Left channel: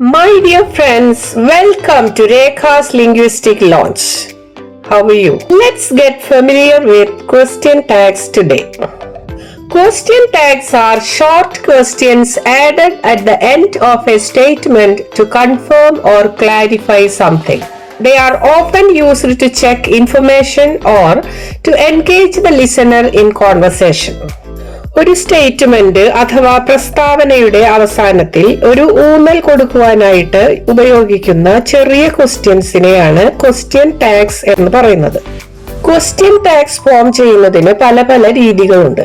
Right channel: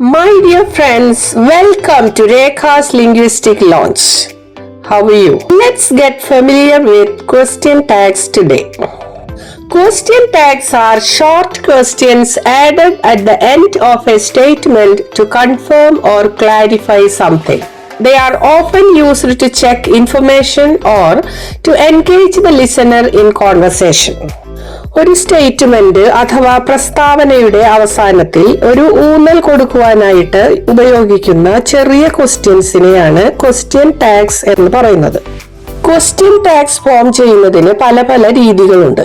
My dear friends, welcome to Rekha's Linguistic Launch. How are you? Let's get familiar with question tags today. Question tags are short questions added at the end of a statement to confirm or clarify something. They are often used to check information or to engage the listener in conversation. ഒരു statement അഥവാ പ്രസ്താവനയുടെ അവസാനത്തിൽ ഒരു ഊന്നൽ കൊടുക്കുവാനായിട്ട് ഉപയോഗിക്കുന്ന ചെറിയ ക്വസ്റ്റ്യൻസിനെയാണ് question tags എന്ന് പറയുന്നത്. ക്വസ്റ്റ്യൻ ടാഗ്സ് ഫോം ചെയ്യുന്നതിന് പല പല രീതികളുണ്ട്.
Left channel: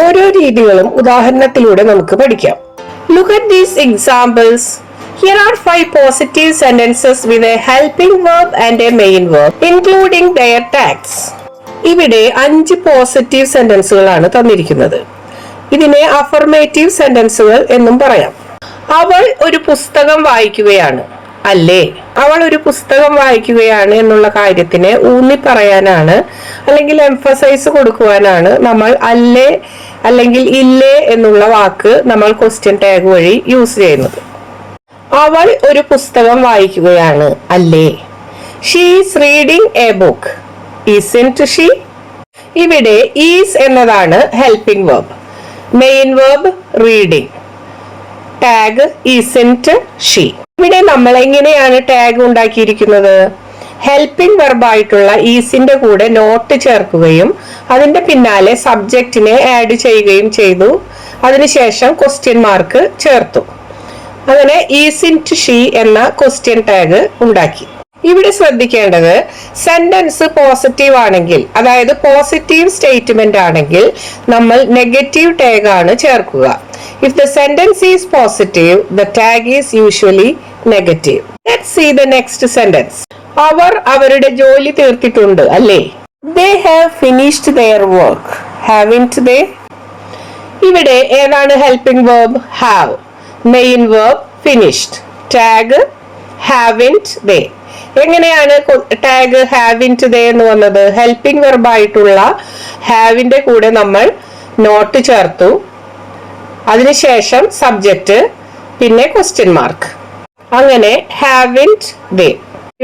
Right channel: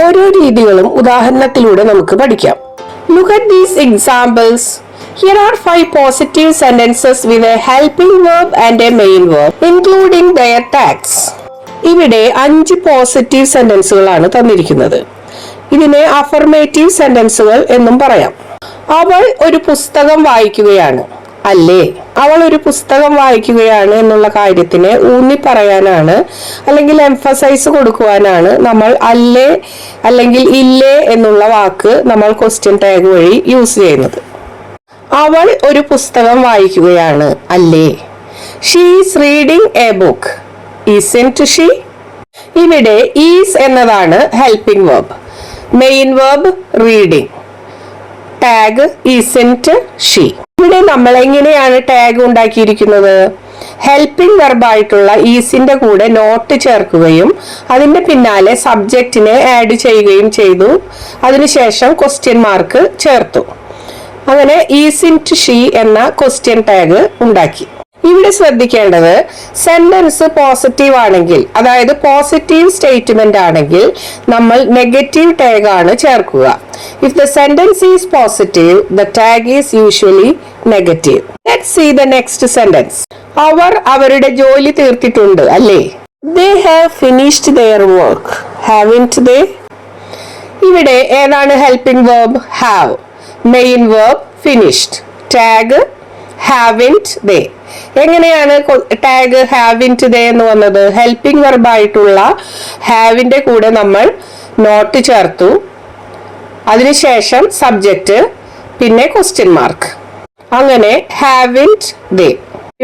ഓരോ രീതികളും ഉദാഹരണത്തിലൂടെ നമുക്ക് പഠിക്കാം. Look at these examples. Here are 5 positive sentences with a helping verb and a main verb, including their tags. ഇവിടെ 5 പോസിറ്റീവ് സെന്റൻസുകളാണ് തന്നിരിക്കുന്നത്. ഇതിനെ അഫർമേറ്റീവ് സെന്റൻസുകൾ എന്നും പറയാം. അവൾ ഒരു പുസ്തകം വായിക്കുകയാണ്. അല്ലേ? അവൾ ഒരു പുസ്തകം വായിക്കുകയാണ് എന്നുള്ള കാര്യത്തിനെ ഊന്നി പറയാനാണ് അല്ലെങ്കിൽ എംഫസൈസ് കൊടുക്കുവാനാണ് നമ്മൾ അല്ലേ അല്ലെങ്കിൽ ഇല്ലേ എന്നുള്ള വാക്ക് നമ്മൾ ക്വസ്റ്റ്യൻ ടാഗ് വഴി യൂസ് ചെയ്യുന്നത്. അവൾ ഒരു പുസ്തകം വായിക്കുകയാണ്. അല്ലേ? She is reading A book. Isn't she? ഇവിടെ ഈസ് എന്നതാണ് helping verb. Main verb reading. Tag isn't she. ഇവിടെ നമ്മൾ എങ്ങനെയാണ് ടാഗ് ഉണ്ടാക്കിയിരിക്കുന്നത്? ഹെൽപ്പിംഗ് വെർബായിട്ടുള്ള ഈസിന്റെ കൂടെ നോട്ട് ചേർക്കുകയും അതിന്റെ പിന്നാലെ സബ്ജക്റ്റിനെ ആഡ് ചെയ്യുകയും ചെയ്തു. അതിനുശേഷം ക്വസ്റ്റ്യൻ മാർക്ക് ചേർത്തു. അങ്ങനെ isn't she എന്ന ക്വസ്റ്റ്യൻ ടാഗ് ഉണ്ടാക്കി. ഇവിടെ ശ്രദ്ധിക്കേണ്ടത് സെന്റൻസ് പോസിറ്റീവ് ആണെങ്കിൽ, അതായത് പോസിറ്റീവ് സ്റ്റേറ്റ്മെന്റ് ആണെങ്കിൽ നമ്മൾ നെഗറ്റീവ് ടാഗ് ആണ് ചേർക്കുക. If the sentence is positive, the tag is usually negative. Let's see the next sentence. അവർ അവരുടെ ജോലി തീർത്തിട്ടുണ്ട്. അല്ലേ? They have finished their work. Haven't they? ഇവിടെ ഏതാണ് helping verb? have. Main verb finished. Tag haven't they. എങ്ങനെയാണ് tag haven't they എന്ന് വന്നത്? Helping വെർബായിട്ടുള്ള ഹാവിന്റെ കൂടെ നമ്മൾ നോട്ട് ചേർത്തു. അതിനുശേഷം സബ്ജക്റ്റ്, പിന്നെ ക്വസ്റ്റ്യൻ മാർക്ക്. അങ്ങനെ haven't they.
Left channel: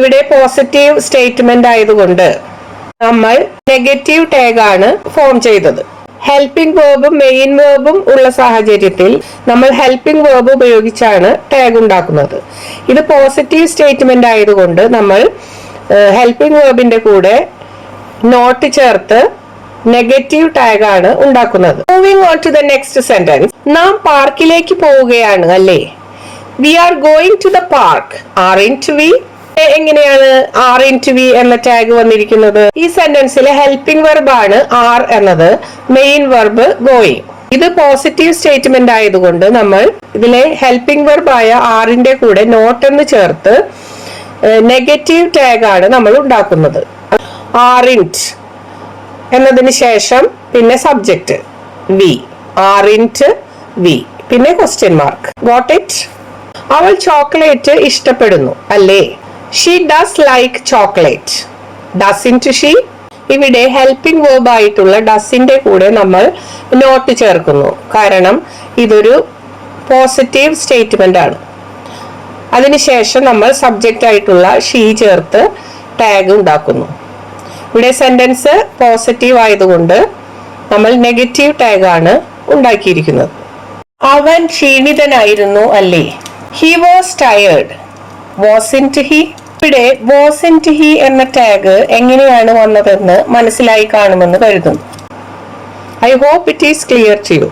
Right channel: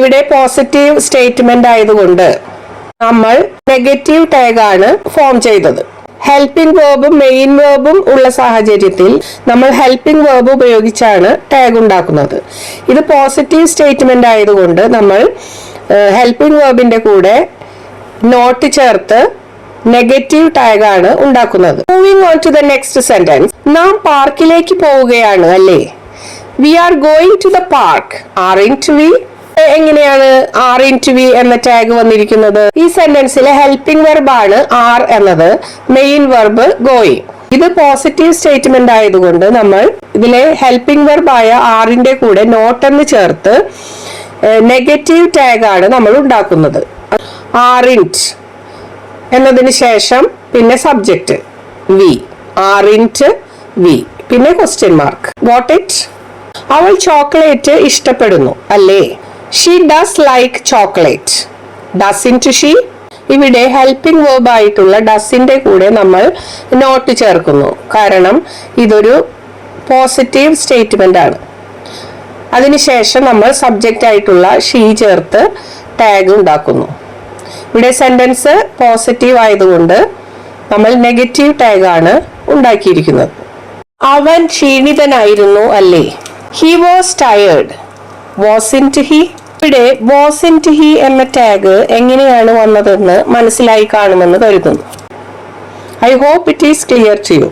ഇവിടെ പോസിറ്റീവ് സ്റ്റേറ്റ്മെന്റ് ആയതുകൊണ്ട് നമ്മൾ നെഗറ്റീവ് ടാഗ് ആണ് ഫോം ചെയ്തത്. ഹെൽപ്പിംഗ് വേർബും മെയിൻ വേർബും ഉള്ള സാഹചര്യത്തിൽ നമ്മൾ ഹെൽപ്പിംഗ് വേർബ് ഉപയോഗിച്ചാണ് ടാഗ് ഉണ്ടാക്കുന്നത്. ഇത് പോസിറ്റീവ് സ്റ്റേറ്റ്മെന്റ് ആയതുകൊണ്ട് നമ്മൾ ഹെൽപ്പിംഗ് വേർബിന്റെ കൂടെ നോട്ട് ചേർത്ത് നെഗറ്റീവ് ടാഗ് ആണ് ഉണ്ടാക്കുന്നത്. Moving on to the next sentence. നാം പാർക്കിലേക്ക് പോവുകയാണ്. അല്ലേ? We are going to the park. Aren't we? എങ്ങനെയാണ് aren't we എന്ന ടാഗ് വന്നിരിക്കുന്നത്? ഈ സെന്റൻസിലെ ഹെൽപ്പിംഗ് വെർബാണ് ആർ എന്നത്, മെയിൻ വെർബ് ഗോയിങ്. ഇത് പോസിറ്റീവ് സ്റ്റേറ്റ്മെന്റ് ആയതുകൊണ്ട് നമ്മൾ ഇതിലെ ഹെൽപ്പിംഗ് വെർബായ ആറിന്റെ കൂടെ നോട്ട് എന്ന് ചേർത്ത് നെഗറ്റീവ് ടാഗ് ആണ് നമ്മൾ ഉണ്ടാക്കുന്നത്. aren't എന്നതിന് ശേഷം പിന്നെ സബ്ജക്റ്റ് വി. aren't we. പിന്നെ ക്വസ്റ്റ്യൻ മാർക്ക്. Got it? അവൾ ചോക്ലേറ്റ് ഇഷ്ടപ്പെടുന്നു. അല്ലേ? She does like chocolate. Doesn't she? ഇവിടെ ഹെൽപ്പിംഗ് വേർബ് ആയിട്ടുള്ള ഡസിന്റെ കൂടെ നമ്മൾ നോട്ട് ചേർക്കുന്നു. കാരണം ഇതൊരു പോസിറ്റീവ് സ്റ്റേറ്റ്മെന്റ് ആണ്. അതിനുശേഷം നമ്മൾ സബ്ജക്റ്റ് ആയിട്ടുള്ള ഷീ ചേർത്ത് ടാഗ് ഉണ്ടാക്കുന്നു. ഇവിടെ സെന്റൻസ് പോസിറ്റീവ് ആയതുകൊണ്ട് നമ്മൾ നെഗറ്റീവ് ടാഗ് ആണ് ഉണ്ടാക്കിയിരിക്കുന്നത്. അവൻ ക്ഷീണിതനായിരുന്നു. അല്ലേ? He was tired. Wasn't he? ഇവിടെ wasn't he എന്ന ടാഗ് എങ്ങനെയാണ് വന്നതെന്ന് മനസ്സിലായി കാണുമെന്ന് കരുതുന്നു. I hope it is clear to you.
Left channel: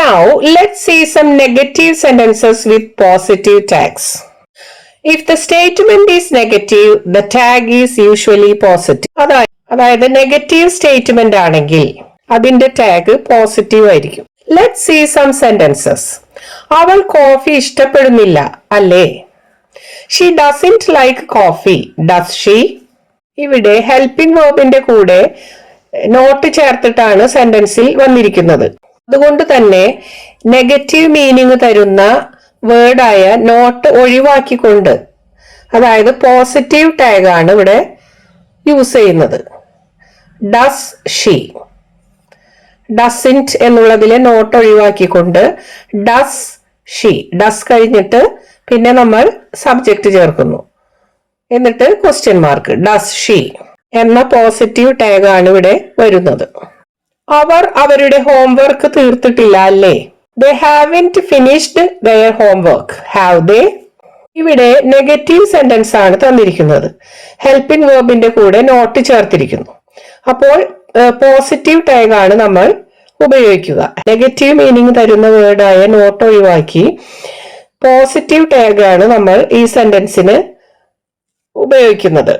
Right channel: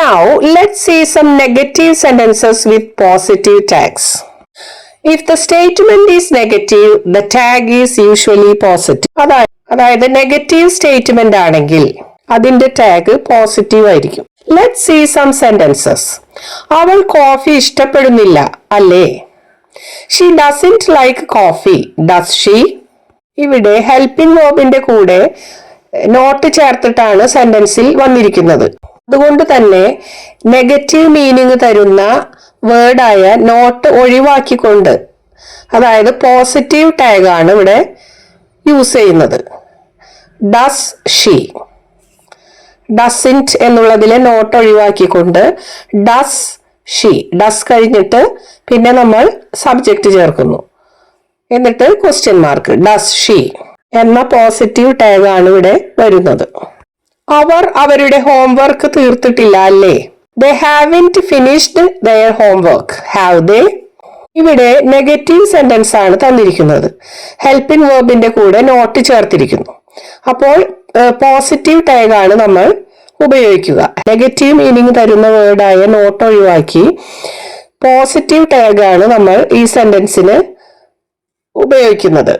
Now let's see some negative sentences with positive tags. If the statement is negative, the tag is usually positive. അതായത് negative statement ആണെങ്കിൽ അതിന്റെ tag positive ആയിരിക്കും. Let's see some sentences. അവൾ coffee ഇഷ്ടപ്പെടുന്നില്ല. അല്ലേ? She doesn't like coffee. Does she? ഇവിടെ helping വേർബിന്റെ കൂടെ not ചേർത്തിട്ടാണ് സെന്റൻസിൽ വന്നിരിക്കുന്നത്. അതുകൊണ്ട് തന്നെ നെഗറ്റീവ് മീനിങ് തരുന്ന വേർഡായ നോട്ട് ഒഴിവാക്കിക്കൊണ്ട്, അതായത് പോസിറ്റീവ് ടാഗ് ആണ് ഇവിടെ യൂസ് ചെയ്യുന്നത്. Does she. ഡസിന്റ് എന്നുള്ളതിലെ നോട്ട് ഒഴിവാക്കിക്കൊണ്ട് ഡസ് ഷീ. ഡസ് കഴിഞ്ഞിട്ട് പിന്നെ നമ്മൾ സബ്ജക്റ്റ് ചേർക്കുന്നു. എന്നിട്ട് ക്വസ്റ്റ്യൻ മാർക്ക്. ഡസ് ഷീ എന്ന പോസിറ്റീവ് ടാഗ് ആണ് ഇവിടെ വരുന്നത്. അവർ അവരുടെ ഹോംവർക്ക് തീർത്തിട്ടില്ല അല്ലേ? They haven't finished their homework. Have they? ഇവിടെ നെഗറ്റീവ് സെന്റൻസ് ആണ് തന്നിരിക്കുന്നത്. ഹെൽപ്പിംഗ് വേർബിന്റെ കൂടെ നോട്ട് ചേർത്തിരിക്കുന്നു. അപ്പോൾ പോസിറ്റീവ് ടാഗ് ആണ് നമ്മൾ ഉപയോഗിക്കുക. നെഗറ്റീവ് മീനിങ് തരുന്ന വേർഡായ നോട്ട് ഒഴിവാക്കി പോസിറ്റീവ് ടാഗ് ആണ് നമ്മൾ ഈ സെന്റൻസിന് ഉപയോഗിക്കുന്നത്.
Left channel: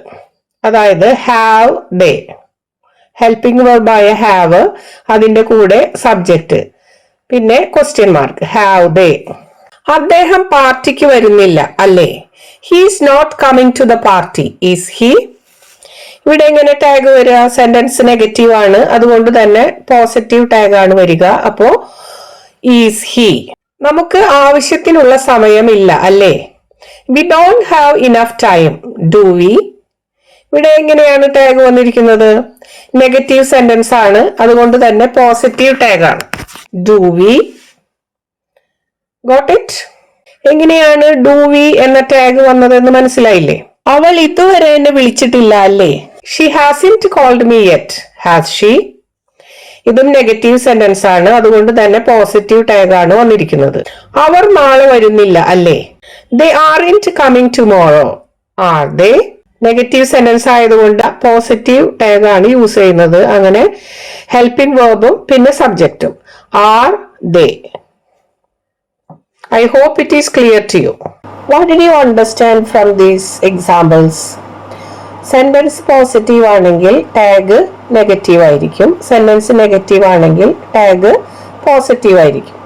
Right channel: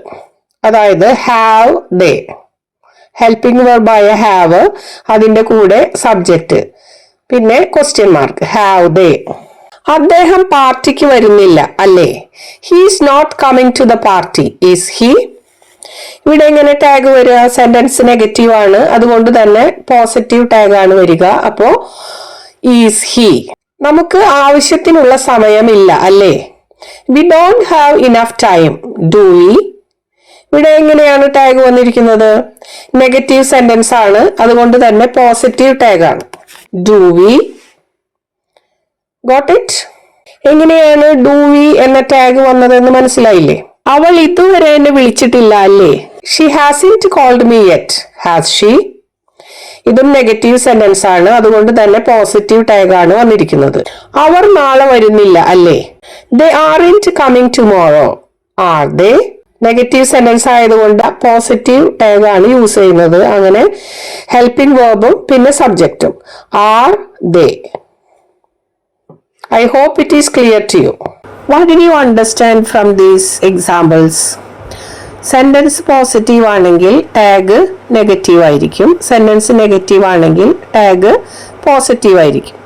അതായത് ഹാവ് ദേ, ഹെൽപ്പിംഗ് വേർബായ ഹാവ്, അതിന്റെ കൂടെ സബ്ജക്റ്റ്, പിന്നെ ക്വസ്റ്റ്യൻ മാർക്ക്. Have they. അദ്ദേഹം പാർട്ടിക്ക് വരുന്നില്ല അല്ലേ? He's not coming to the party. Is he? ഇവിടെ എങ്ങനെ ടാഗ് വരിക? സെന്റൻസ് നെഗറ്റീവ് ആണ്, അതുകൊണ്ട് തന്നെ പോസിറ്റീവ് ടാഗ് ആണ് വരിക. അപ്പോ ഈസ് ഹി. നമുക്ക് ആവശ്യത്തിനുള്ള സമയമില്ല അല്ലേ? We don't have enough time. Do we? ഇവിടെ എങ്ങനെയാണ് ടാഗ് വന്നിരിക്കുന്നത്? നെഗറ്റീവ് സെന്റൻസ് ആണ്, അതുകൊണ്ട് തന്നെ പോസിറ്റീവ് ടാഗ് ആണ്. Do we? Got it? എങ്ങനെയാണ് ഡു വി എന്ന ടാഗ് വന്നതെന്ന് മനസ്സിലായില്ലേ? അവൾ ഇതുവരെ എന്നെ വിളിച്ചിട്ടില്ല അല്ലേ? She hasn't called me yet. Has she? ഇതും നെഗറ്റീവ് സെന്റൻസ് ആണ്, അതുകൊണ്ട് തന്നെ പോസിറ്റീവ് ടാഗ് ആണ് വന്നിരിക്കുന്നത്. അവർ നാളെ വരുന്നില്ല അല്ലേ? They aren't coming tomorrow. Are they? Negative sentence ആയതുകൊണ്ട് പോസിറ്റീവ് ടാഗ് ആണ് യൂസ് ചെയ്യുന്നത്. അങ്ങനെ ഹെൽപ്പിംഗ് വേർബും പിന്നെ സബ്ജക്റ്റും. Are they. I hope it is clear to you. What did you understand from these examples? Sentence positive ആണെങ്കിൽ ടാഗ് നെഗറ്റീവ് ആയിരിക്കും. Sentence negative ആണെങ്കിൽ ടാഗ് പോസിറ്റീവ് ആയിരിക്കും.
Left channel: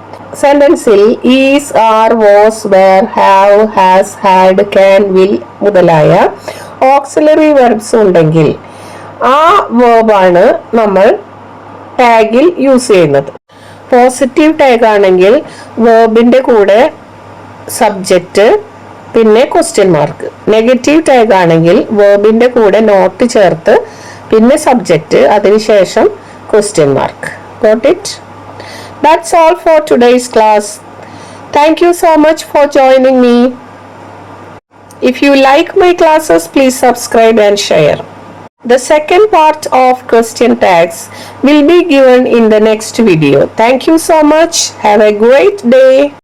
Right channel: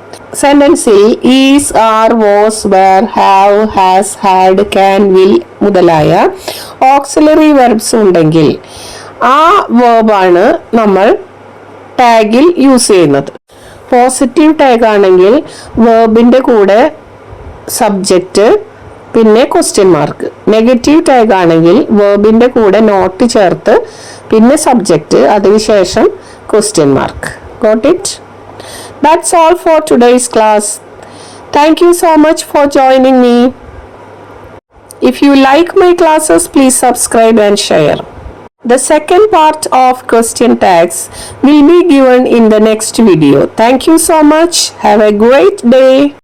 സെന്റൻസിൽ is, are, was, were, have, has, had, can, will മുതലായ auxiliary verbs ഉണ്ടെങ്കിൽ ആ വേർബാണ് നമ്മൾ ടാഗിൽ യൂസ് ചെയ്യുന്നത്. പോസിറ്റീവ് ടാഗ് ആണെങ്കിൽ വേർബിന്റെ കൂടെ സബ്ജക്റ്റ് പിന്നെ ക്വസ്റ്റ്യൻ മാർക്ക്. നെഗറ്റീവ് ടാഗ് ആണെങ്കിൽ വേർബിന്റെ കൂടെ നോട്ട് ചേർത്ത് പിന്നെ സബ്ജക്റ്റ്, അതിനുശേഷം question mark. Got it? That's all for today's class. Thank you so much for joining me. If you like my classes, please subscribe and share. The second part of question tags will be given in the next video. Thank you so much. Have a great day.